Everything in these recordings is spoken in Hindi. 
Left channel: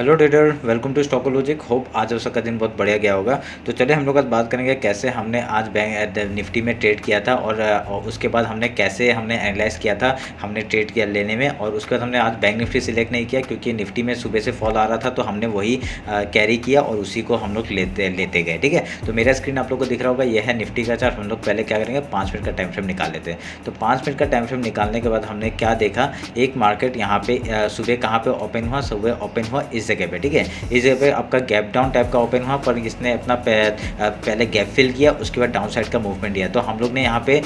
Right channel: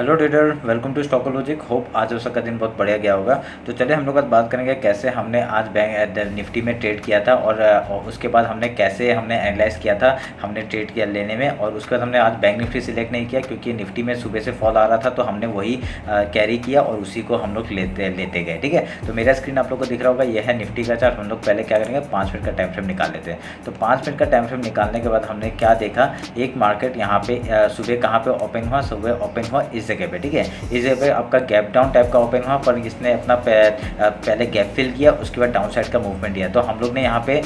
Hello trader, welcome to Stockologic. Hope आज उसका दिन बहुत बढ़िया गया होगा। तो चलिए हम लोग आज बात करेंगे कैसे हमने आज बैंक निफ्टी में ट्रेड किया था और उसके बाद कैसे हमने एनालाइज किया था हमने ट्रेड किया लेने में। और उसके बाद हमने आज बैंक निफ्टी सिलेक्ट नहीं किया क्योंकि निफ्टी में सुबह से फॉल आ रहा था, तो हमने वही कैरी किया और उसी को हम लोग लेते गए। ठीक है, तो मेरा स्क्रीन आप लोग को दिख रहा होगा, यह है निफ्टी का चार्ट। हम लोग पहले क्या करेंगे, 5 मिनट का टाइम फ्रेम निकाल लेते हैं। तो 5 मिनट का टाइम फ्रेम निकालने के बाद हमने क्या देखा, एक मार्केट यहाँ पे सुबह कहाँ पे ओपन हुआ, सुबह ओपन हुआ इस जगह पे। ठीक है, इस जगह पे आपका गैप डाउन टाइप का ओपन हुआ, पर इसने अपना पहले गैप फिल किया, उसके बाद डाउन साइड का मूवमेंट दिया। तो हम लोग ने यहाँ पे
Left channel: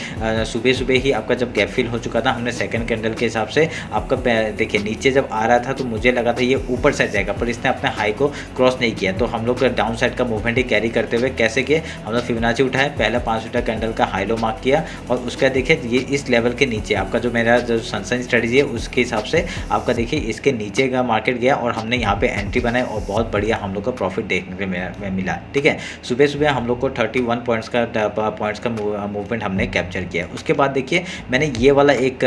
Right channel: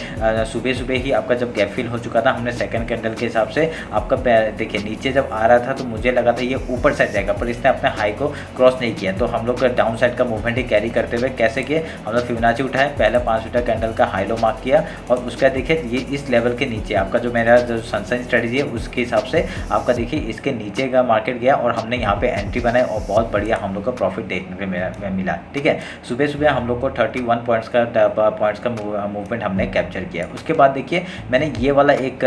सुबह सुबह ही आपका जब गैप फिल हो चुका था, हमने सेकंड कैंडल के हिसाब से आपका देखिए नीचे जब आ रहा था तो मुझे लगा था ये ऊपर साइड जाएगा, पर इसने अपने हाई को क्रॉस नहीं किया। तो हम लोग डाउन साइड का मूवमेंट ही कैरी करते हुए कैसे किए, हम लोग फिबोनाची उठाए, पहले 5 मिनट कैंडल का हाई लो मार्क किया और उसका देखिए ये इस लेवल के नीचे आपका जो मेरा जो सनसाइन स्ट्रेटजी है उसके हिसाब से आपका देखिए इसके नीचे का मार्केट गया और हमने यहाँ पे एंट्री बनाई और बहुत बढ़िया हम लोग को प्रॉफिट देखने में मिला। ठीक है, सुबह सुबह हम लोग को 31 पॉइंट्स का मूवमेंट हमने कैप्चर किया। उसके बाद देखिए मैंने ये वाला एक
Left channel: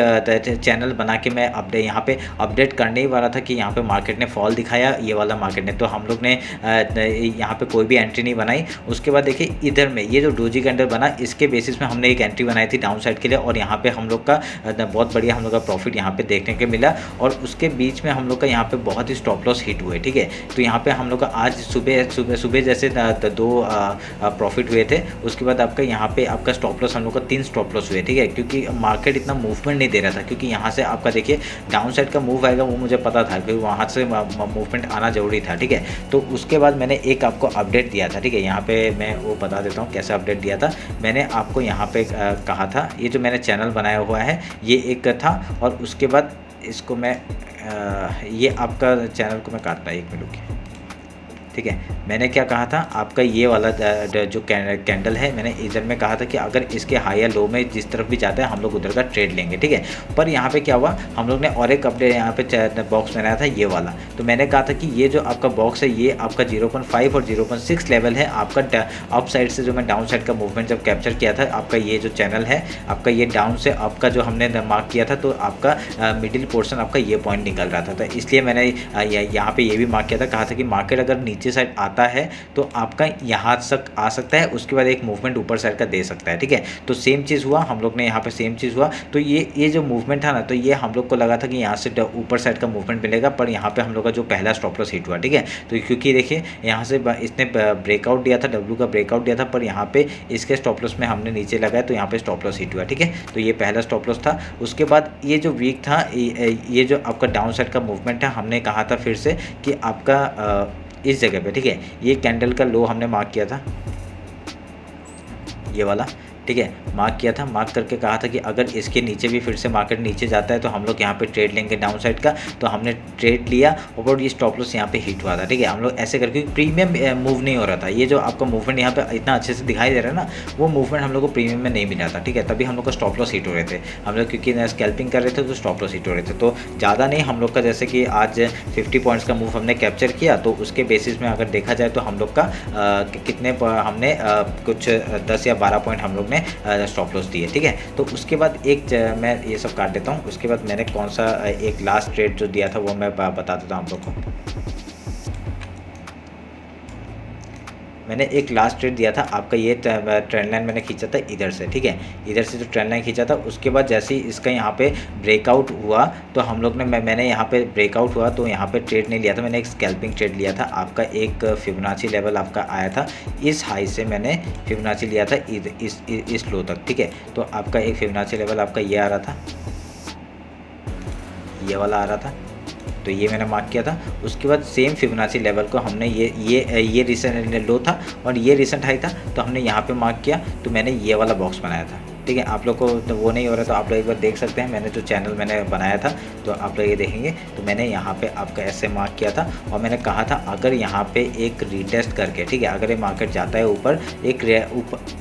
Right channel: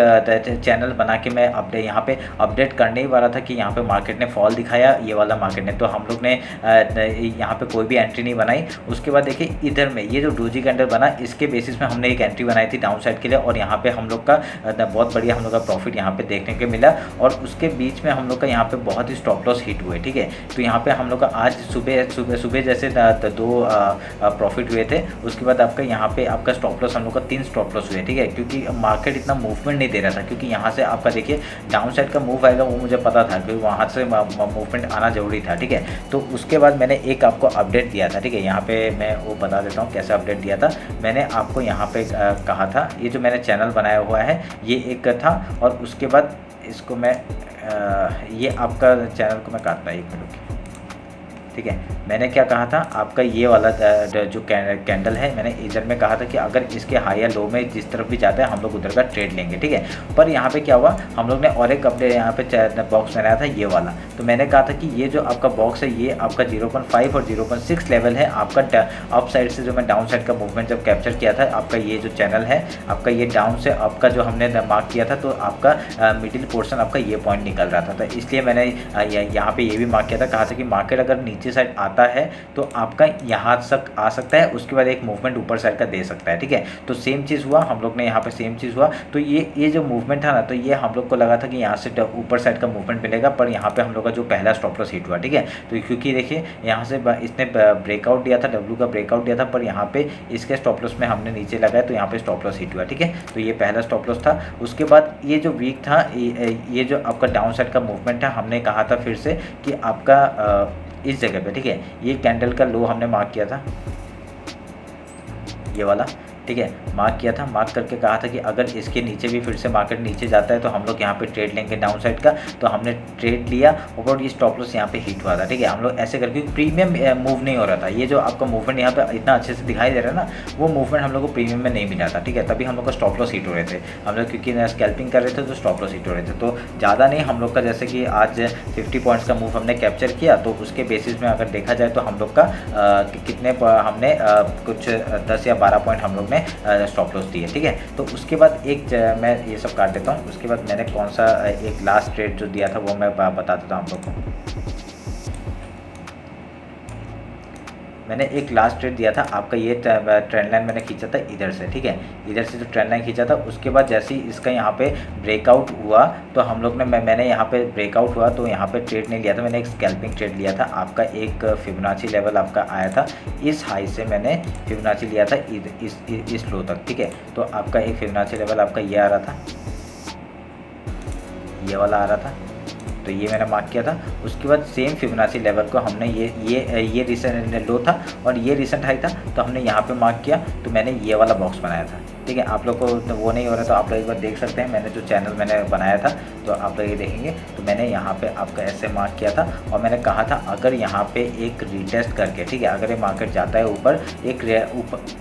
चैनल बना के मैं अपडेट यहाँ पे अपडेट करने ही वाला था कि यहाँ पे मार्केट ने फॉल दिखाया, ये वाला मार्केट ने, तो हम लोग ने यहाँ पे कोई भी एंट्री नहीं बनाई। उसके बाद देखिए इधर में ये जो डोजी कैंडल बना, इसके बेसिस में हमने एक एंट्री बनाई थी डाउन साइड के लिए और यहाँ पे हम लोग का बहुत बढ़िया हम लोग का प्रॉफिट यहाँ पे देखने को मिला। और उसके बीच में हम लोग का यहाँ पे बहुत ही स्टॉप लॉस हिट हुए। ठीक है, तो यहाँ पे हम लोग का आज सुबह जैसे 2 प्रॉफिट हुए थे। उसके बाद आपका यहाँ पे आपका स्टॉप लॉस हम लोग का 3 स्टॉप लॉस हुए। ठीक है, क्योंकि मार्केट इतना मूवमेंट नहीं दे रहा था, क्योंकि यहाँ से आपका देखिए डाउन साइड का मूव आएगा वो मुझे पता था, क्योंकि वहाँ से मूवमेंट आना जरूरी था। ठीक है, तो उसके बाद मैंने एक आपको अपडेट दिया था। ठीक है, यहाँ पे मैं वो बता देता हूँ कैसे अपडेट दिया था। मैंने आपको यहाँ पे कहा था, ये जो मैंने चैनल बनाया हुआ है ये एक था, और उसके बाद इसको मैं ये आपका चैनल को मैं काटना 1 मिनट की। ठीक है, मैंने क्या कहा था, आपका ये वाला जो कैंडल है, मैंने इधर में कहा था कि अगर इसके हाई या लो में जिस तरफ भी जाता है हम लोग उधर का ट्रेड लेंगे। ठीक है, पर यहाँ पे क्या हुआ, हम लोग ने और एक अपडेट यहाँ पे बॉक्स बनाया था ये वाला। तो मैंने कहा था कि ये जो आपका बॉक्स है ये आपका 0.5 और 0.6 लेवल है आपका अप साइड से, जो मैं डाउन साइड का मूवमेंट जब कैप्चर किया था, आपका ये जो चैनल है आपका ये डाउन से अप का जो हमने मार्क किया था, तो आपका मिडिल पोर्शन आपका ये पॉइंट निकल रहा था। तो इसलिए मैंने यहाँ पे ये भी मार्क किया था, कहा था कि मार्केट अगर नीचे साइड आता है तो आपका यहाँ तक आ सकता है, उसके बाद एक मूवमेंट ऊपर साइड का दे सकता है। ठीक है, तो सेम चीज़ हुआ, हम लोग ने यहाँ पे सेम चीज़ हुआ। तो ये जो मूवमेंट था ना, तो ये हम लोग को लगा था कि यहाँ से ऊपर साइड का मूवमेंट मिलेगा, पर यहाँ पे हम लोग का जो पहला स्टॉप लॉस हिट हुआ। ठीक है, तो क्योंकि देखिए यहाँ से इसने ब्रेकआउट दिया था, डब्ल्यू का ब्रेकआउट दिया था, पर यहाँ पे इसके स्टॉप लॉस में हमने नीचे लगाया तो यहाँ पे स्टॉप लॉस हिट हुआ। ठीक है, तो ये पहला स्टॉप लॉस था। उसके बाद ये जो वीक था, ये जो आपका डाउन साइड का मूवमेंट है, हमने कहा था फिर से कि आपका इस जगह पे, ठीक है, ये कैंडल का लो हमने मार्क किया था, ये वाला। ठीक है, मार्क किया था, मार्क करके कहा था कि अगर इसके नीचे भी फिर से मार्केट नीचे जाता है तो हम लोग यहाँ पे ट्रेड लेंगे डाउन साइड का। तो हमने ट्रेड लिया और ये स्टॉप लॉस यहाँ पे हिट हुआ था। ठीक है, हम लोग ऐसे करके प्रीमियम मूव नहीं हो रहा था, ये जो आपका मूवमेंट यहाँ पे इतना अच्छे से दिखाई दे रहा है ना, वो मूवमेंट हम लोग को प्रीमियम में नहीं मिला था। ठीक है, तभी हम लोग का स्टॉप लॉस हिट हो रहे थे, हम लोग क्योंकि स्कैल्पिंग कर रहे थे तो स्टॉप लॉस हिट हो रहे थे। तो ज़्यादा नहीं, हम लोग का जैसे कि आज 50 पॉइंट्स का मूव हमने कैप्चर किया, तो उसके बेसिस में अगर देखा जाए तो हम लोग का कितने हमने कुछ 10 या 12 पॉइंट हम लोग ने स्टॉप लॉस दिए। ठीक है, तो उसके बाद मैं ये सब काट देता हूँ। उसके बाद मैंने कौन सा एक लास्ट ट्रेड जो दिया था वो मैं बता देता हूँ आप लोग को। मैंने एक लास्ट ट्रेड दिया था आपका, ये ट्रेंड लाइन मैंने खींचा था इधर से। ठीक है, इधर से जो ट्रेंड लाइन खींचा था, उसके बाद जैसे ही इसका यहाँ पे ब्रेकआउट हुआ तो हम लोग ने मैंने यहाँ पे ब्रेकआउट हुआ तो यहाँ पे ट्रेड नहीं लिया था, मैंने एक स्कैल्पिंग ट्रेड लिया था। आपका एक फिबोनाची लेवल आपका आया था, इस हाई से मैंने फिबोनाची लिया था इस लो तक। ठीक है, तो आपका एक फिबोनाची लेवल आपका ये आ रहा था, ये वाला आ रहा था, तो ये मैंने मार्क किया था। उसके बाद सेम फिबोनाची लेवल को हमने ये रिसेंट लो था और ये रिसेंट हाई था, तो हमने यहाँ पे मार्क किया, तो मैंने ये वाला बॉक्स बनाया था। ठीक है, आप लोग को तो वो नहीं हो रहा तो आप लोग एक बार देख सकते हैं, मैंने जो चैनल मैंने बनाया था तो आप लोग ये देखेंगे। तो मैंने यहाँ पे आपका ऐसे मार्क किया था और मैंने कहा था अगर यहाँ पे एक रीटेस्ट करके, ठीक है, अगर ये मार्केट जाता है ऊपर,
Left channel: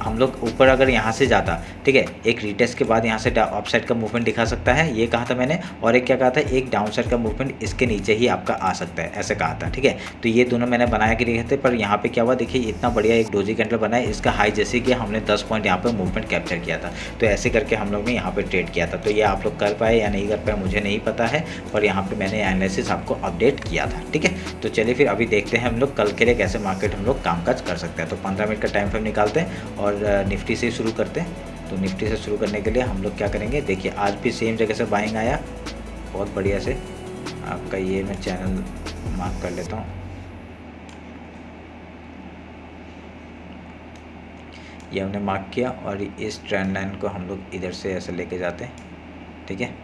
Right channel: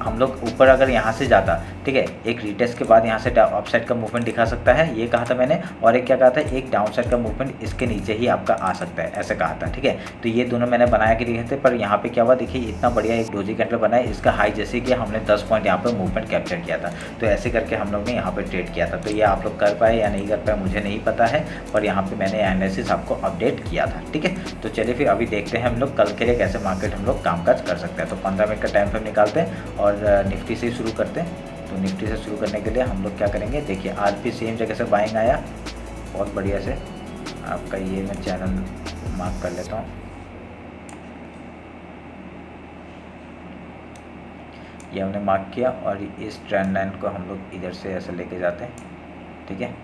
हम लोग ऊपर अगर यहाँ से जाता, ठीक है, एक रीटेस्ट के बाद यहाँ से अपसाइड का मूवमेंट दिखा सकता है, ये कहा था मैंने। और एक क्या कहा था, एक डाउन साइड का मूवमेंट इसके नीचे ही आपका आ सकता है, ऐसे कहा था। ठीक है, तो ये दोनों मैंने बनाया के लिए थे, पर यहाँ पे क्या हुआ देखिए, इतना बढ़िया एक डोजी कैंडल बना है, इसका हाई जैसे कि हमने 10 पॉइंट यहाँ पर मूवमेंट कैप्चर किया था। तो ऐसे करके हम लोग ने यहाँ पे ट्रेड किया था। तो ये आप लोग कर पाए या नहीं कर पाए मुझे नहीं पता है, पर यहाँ पे मैंने एनालिसिस आपको अपडेट किया था। ठीक है, तो चलिए फिर अभी देखते हैं हम लोग कल के लिए कैसे मार्केट हम लोग कामकाज कर सकते हैं। तो 15 मिनट का टाइम फ्रेम निकालते हैं और निफ्टी से शुरू करते हैं। तो निफ्टी से शुरू करने के लिए हम लोग क्या करेंगे, देखिए आज भी सेम जगह से बाइंग आया बहुत बढ़िया से। आपका ये मैं चैनल मार्क कर लेता हूँ, ये हमने मार्क किया और इस ट्रेंड लाइन को हम लोग इधर से ऐसे लेके जाते हैं। ठीक है,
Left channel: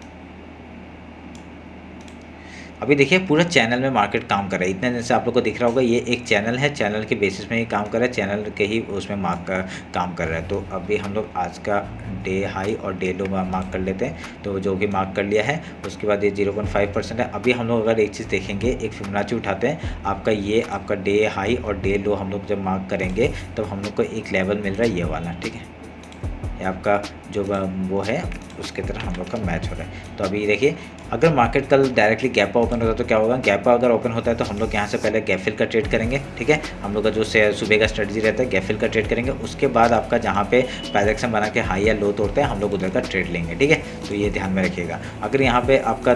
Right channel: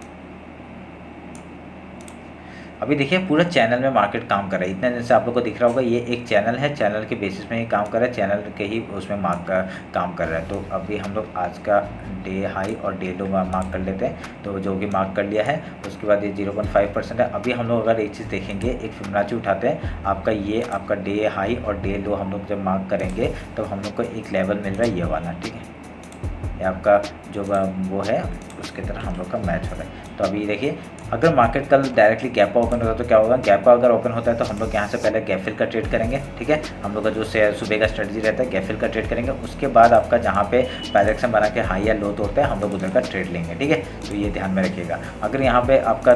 अभी देखिए पूरा चैनल में मार्केट काम कर रहा है। इतने दिन से आप लोग को दिख रहा होगा ये एक चैनल है, चैनल के बेसिस में ही काम कर रहा है, चैनल के ही उसमें काम कर रहा है। तो अभी हम लोग आज का डे हाई और डे लो मार्क कर लेते हैं। तो जो भी मार्क कर लिया है उसके बाद ये 0.5% है। अभी हम लोग अगर एक चीज़ देखेंगे, एक फिबोनाची उठाते हैं, आपका ये आपका डे हाई और डे लो हम लोग जब मार्क करेंगे तो हम लोग को एक लेवल मिल रहा है ये वाला। ठीक है, ये आपका जो वो है उसके तरह हम लोग का मैच हो रहा है। तो अभी देखिए अगर मार्केट कल डायरेक्टली गैप ओपन होता है तो क्या होगा, गैप अगर ओपन होता है तो हम लोग यहाँ से पहले गैप फिल का ट्रेड करेंगे। ठीक है, हम लोग का जो सुबह का स्ट्रेटजी रहता है गैप फिल का ट्रेड करेंगे, उसके बाद आपका जहाँ पे प्राइस बना के हाई या लो तोड़ते हैं हम लोग उधर का ट्रेड लेंगे। ठीक है, तो ये ध्यान में रखिएगा। अगर यहाँ पे आपका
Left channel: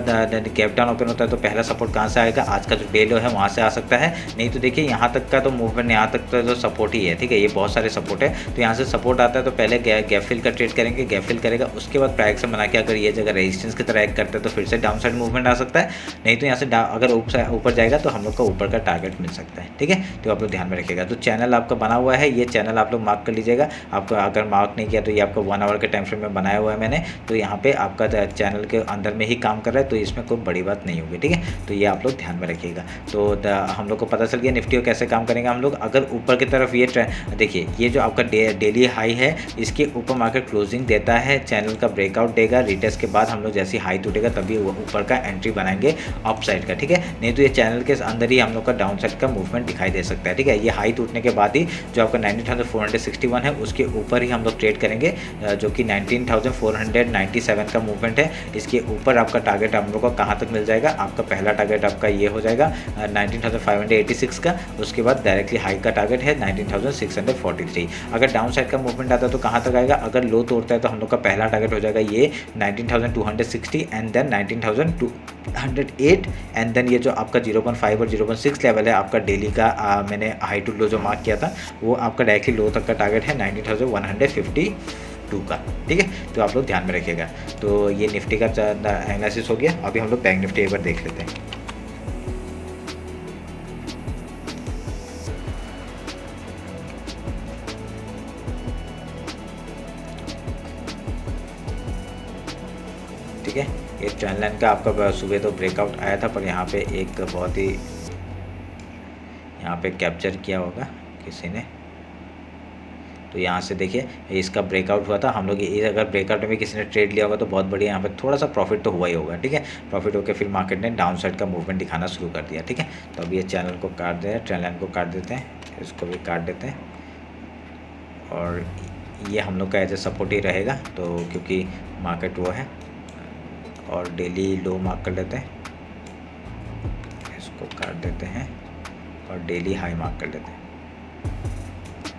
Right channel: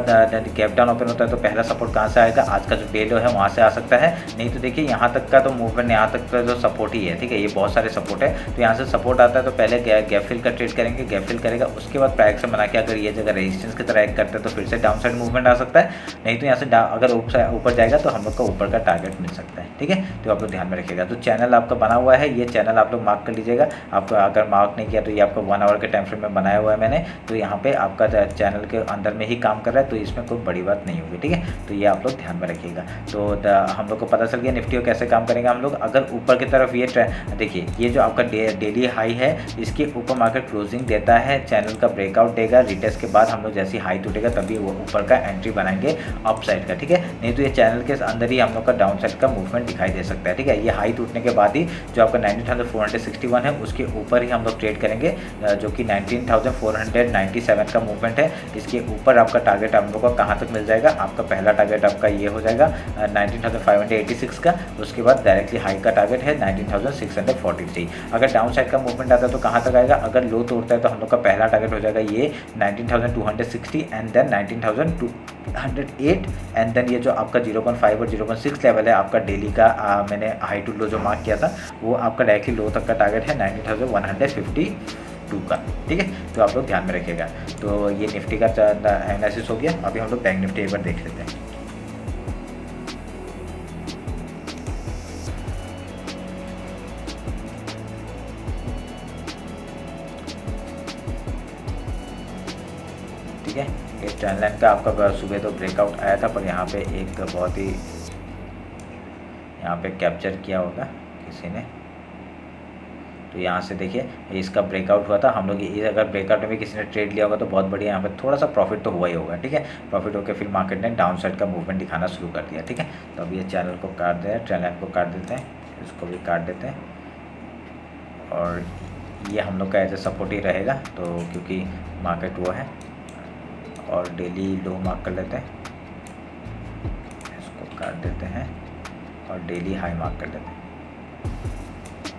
गैप डाउन ओपन होता है तो पहला सपोर्ट कहाँ से आएगा, आज का जो डे लो है वहाँ से आ सकता है। नहीं तो देखिए यहाँ तक का तो मूवमेंट, यहाँ तक का जो सपोर्ट ही है। ठीक है, ये बहुत सारे सपोर्ट है, तो यहाँ से सपोर्ट आता है तो पहले गैप फिल का ट्रेड करेंगे, गैप फिल करेगा, उसके बाद प्राइस बना के अगर ये जगह रेजिस्टेंस की तरह एक्ट करते हैं तो फिर से डाउन साइड मूवमेंट आ सकता है। नहीं तो यहाँ से अगर ऊपर जाएगा तो हम लोग का ऊपर का टारगेट मिल सकता है। ठीक है, तो आप लोग ध्यान में रखिएगा। तो चैनल आपका बना हुआ है, ये चैनल आप लोग मार्क कर लीजिएगा। आपका अगर मार्क नहीं किया तो ये आपका 1 आवर के टाइम फ्रेम में बनाया हुआ है मैंने, तो यहाँ पे आपका चैनल के अंदर में ही काम कर रहा है, तो इसमें कोई बड़ी बात नहीं होगी। ठीक है, तो ये आप लोग ध्यान में रखिएगा। तो हम लोग को पता चल गया निफ्टी को कैसे काम करेंगे हम लोग। अगर ऊपर की तरफ ये देखिए, ये जो आपका डेली हाई है इसके ऊपर मार्केट क्लोजिंग देता है, चैनल का ब्रेकआउट देगा, रिटेस्ट के बाद हम लोग जैसी हाई टूटेगा तभी वो ऊपर का एंट्री बनाएंगे अप साइड का। ठीक है, नहीं तो ये चैनल के अंदर ही हम लोग का डाउन साइड का मूवमेंट दिखाई दे सकता है। ठीक है, ये हाई टूटने के बाद ही जो आपका 19,461 है उसके ऊपर ही हम लोग ट्रेड करेंगे, जो कि 19,497 का मूवमेंट है। इसके ऊपर आपका टारगेट हम लोग को कहाँ तक मिल जाएगा, आपका पहला टारगेट आपका ये हो जाएगा 19,586 का। उसके बाद डायरेक्टली हाई का टारगेट है 19,643। अगर डाउन साइड का मूवमेंट आता है तो कहाँ तक आएगा, अगर लो तोड़ता है तो हम लोग का पहला टारगेट हो जाएगा ये 19,260 एंड देन 19,208 एंड देन ये जो आपका 0.5 और 0.6 लेवल है आपका डेली का, मैंने हाई टू लो जो मार्क किया था वो आपका डायरेक्टली लो तक का टारगेट है 19,152 का। ठीक है, तो आप लोग ध्यान में रखिएगा। तो ये निफ्टी का एनालिसिस हो गया। अभी हम लोग बैंक निफ्टी एक बार देख लेते हैं। ठीक है, ये ट्रेंड लाइन का आपका सुबह तो ब्रेकआउट आया था, पर यहाँ पे एक बहुत ही यहाँ पे कैप्चर किया होगा किसी ने। तो यहाँ से देखिए इसका ब्रेकआउट हुआ था, हम लोग ये अगर ब्रेकआउट में भी किसी ने ट्रेड लिया होगा तो बहुत बढ़िया, यहाँ पे थोड़ा सा प्रॉफिट तो हुआ ही होगा। ठीक है, प्रॉफिट होकर फिर मार्केट ने डाउन साइड का मूवमेंट दिखाना शुरू कर दिया। ठीक है, तो अभी ये चैनल को काट दें, ट्रेंड लाइन को काट देते हैं, इसको भी काट देते हैं और ये हम लोग का एज ए सपोर्ट ही रहेगा। तो क्योंकि मार्केट वो है, और डेली लो मार्क कर लेते हैं, इसको काट देते हैं और डेली हाई मार्क कर लेते हैं।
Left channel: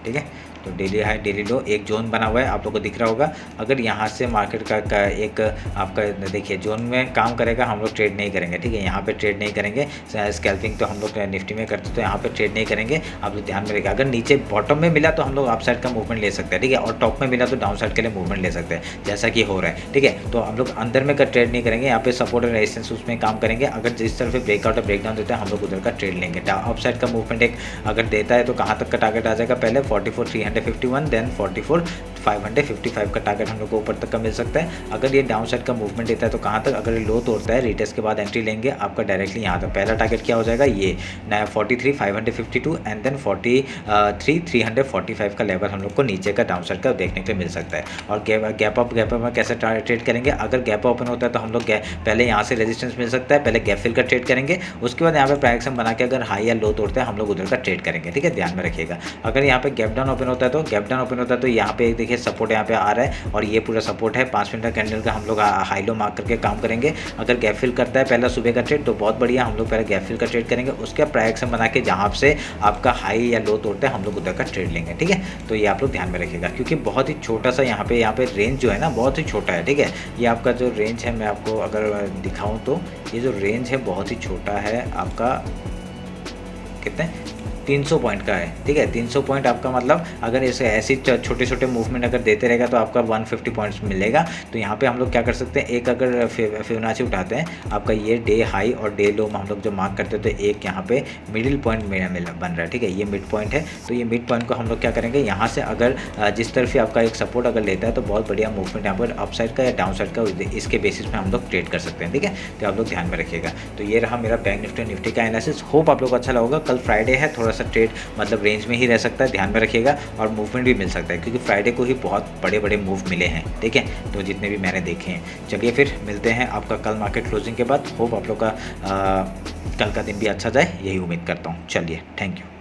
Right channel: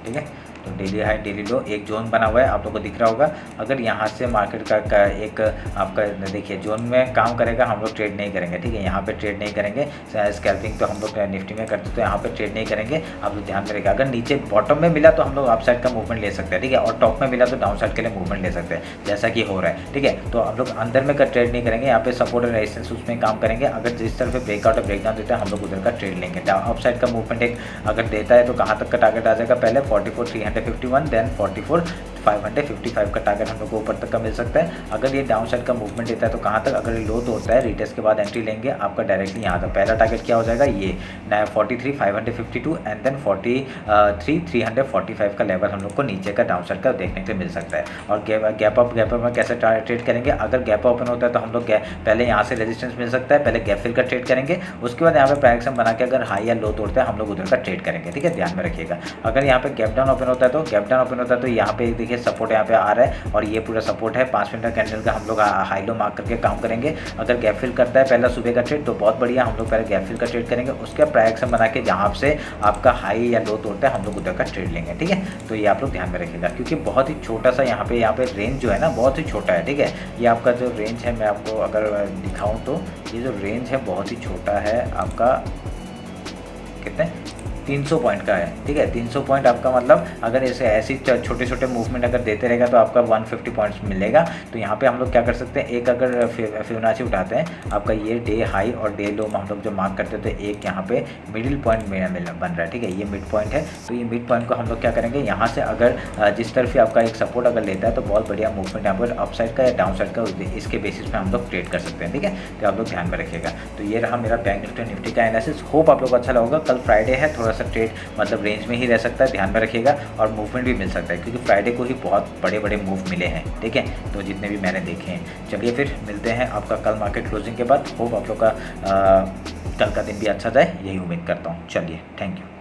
ठीक है, तो डेली हाई डेली लो एक जोन बना हुआ है, आप लोग को दिख रहा होगा। अगर यहाँ से मार्केट का एक आपका देखिए जोन में काम करेगा, हम लोग ट्रेड नहीं करेंगे। ठीक है, यहाँ पे ट्रेड नहीं करेंगे, स्कैल्पिंग तो हम लोग निफ्टी में करते तो यहाँ पे ट्रेड नहीं करेंगे। आप लोग ध्यान में रखिए, अगर नीचे बॉटम में मिला तो हम लोग अप साइड का मूवमेंट ले सकते हैं। ठीक है, और टॉप में मिला तो डाउन साइड के लिए मूवमेंट ले सकते हैं, जैसा कि हो रहा है। ठीक है, तो हम लोग अंदर में ट्रेड नहीं करेंगे, यहाँ पे सपोर्ट और रेजिस्टेंस उसमें काम करेंगे। अगर जिस तरफ ब्रेकआउट और ब्रेकडाउन देता है हम लोग उधर का ट्रेड लेंगे। अप साइड का मूवमेंट एक अगर देता है तो कहाँ तक का टारगेट आ जाएगा, पहले 44,351 देन 44,555 का टारगेट हम लोग को ऊपर तक का मिल सकता है। अगर ये डाउन साइड का मूवमेंट देता है तो कहाँ तक, अगर ये लो तोड़ता है रिटेस्ट के बाद एंट्री लेंगे, आपका डायरेक्टली यहाँ तक पहला टारगेट क्या हो जाएगा, ये 43,552 एंड देन 43,345 का लेवल हम लोग को नीचे का डाउन साइड का देखने को मिल सकता है। और गैप अप में कैसे ट्रेड करेंगे, अगर गैप ओपन होता है तो हम लोग पहले यहाँ से रेजिस्टेंस मिल सकता है, पहले गैप फिल का ट्रेड करेंगे, उसके बाद यहाँ पे प्राइस बना के अगर हाई या लो तोड़ता है हम लोग उधर का ट्रेड करेंगे। ठीक है, ध्यान में रखिएगा। अगर यहाँ पे गैप डाउन ओपन होता है तो यहाँ पे देखिए देखिए सपोर्ट यहाँ पे आ रहा है और ये पूरा सपोर्ट है। 5 मिनट का कैंडल का हम लोग हाई लो मार्क करके काम करेंगे। अगर गैप फिल करता है पहला सुबह का ट्रेड तो बहुत बढ़िया, हम लोग पहले गैप फिल का ट्रेड करेंगे, उसके प्राइस एक्शन बना के जहाँ से आपका हाई या लो तोड़ता है हम लोग उधर का ट्रेड लेंगे, ठीक है। तो ये आप लोग ध्यान में रखिएगा, क्योंकि बहुत ही छोटा सा यहाँ पे रेंज जो है ना बहुत ही छोटा है, ठीक है। ये आपका जो रेंज है मैं आपको अगर दिखाऊँ तो ये जो रेंज है बहुत ही छोटा है आपका, कितने 300 पॉइंट का है, ठीक है। 300 पॉइंट आपका मतलब अगर ऐसे छोटे छोटे मूवमेंट अगर देते रहेगा तो आपका 150 पॉइंट्स मिलेगा। तो यहाँ पे हम लोग क्या कर सकते हैं, एक अगर फिबोनाची उठाते हैं, आपका ये डे हाई और डे लो में हम लोग जो मार्क करते हैं तो एक यहाँ पे मिडिल पॉइंट बन रहा है, ठीक है। ये मिड पॉइंट है, तो ये मिड पॉइंट को हम लोग क्या करेंगे, यहाँ से अगर जिस तरफ ही आपका एक सपोर्ट अगर लेता है तो बहुत बढ़िया मूवमेंट यहाँ पर अप साइड का या डाउन साइड का इसके बेसिस पे हम लोग ट्रेड कर सकते हैं, ठीक है। तो आप लोग ध्यान में रखिएगा। तो ये रहा मेरा बैंक निफ्टी और निफ्टी का एनालिसिस। होप आप लोग को अच्छा लगा। कल फ्राइडे है, थोड़ा सा ट्रेड मतलब रेंज में ही रह सकता है, ध्यान में रखिएगा, और मूवमेंट भी मिल सकता है क्योंकि फ्राइडे को ही बहुत बड़े बड़े मूव मिले हैं, ठीक है। तो जितने भी मैंने देखे हैं। चलिए फिर मिलते हैं आपका कल मार्केट क्लोजिंग के बाद। होप आप लोग का कल का दिन भी अच्छा जाए, यही उम्मीद करता हूँ। चलिए, थैंक यू।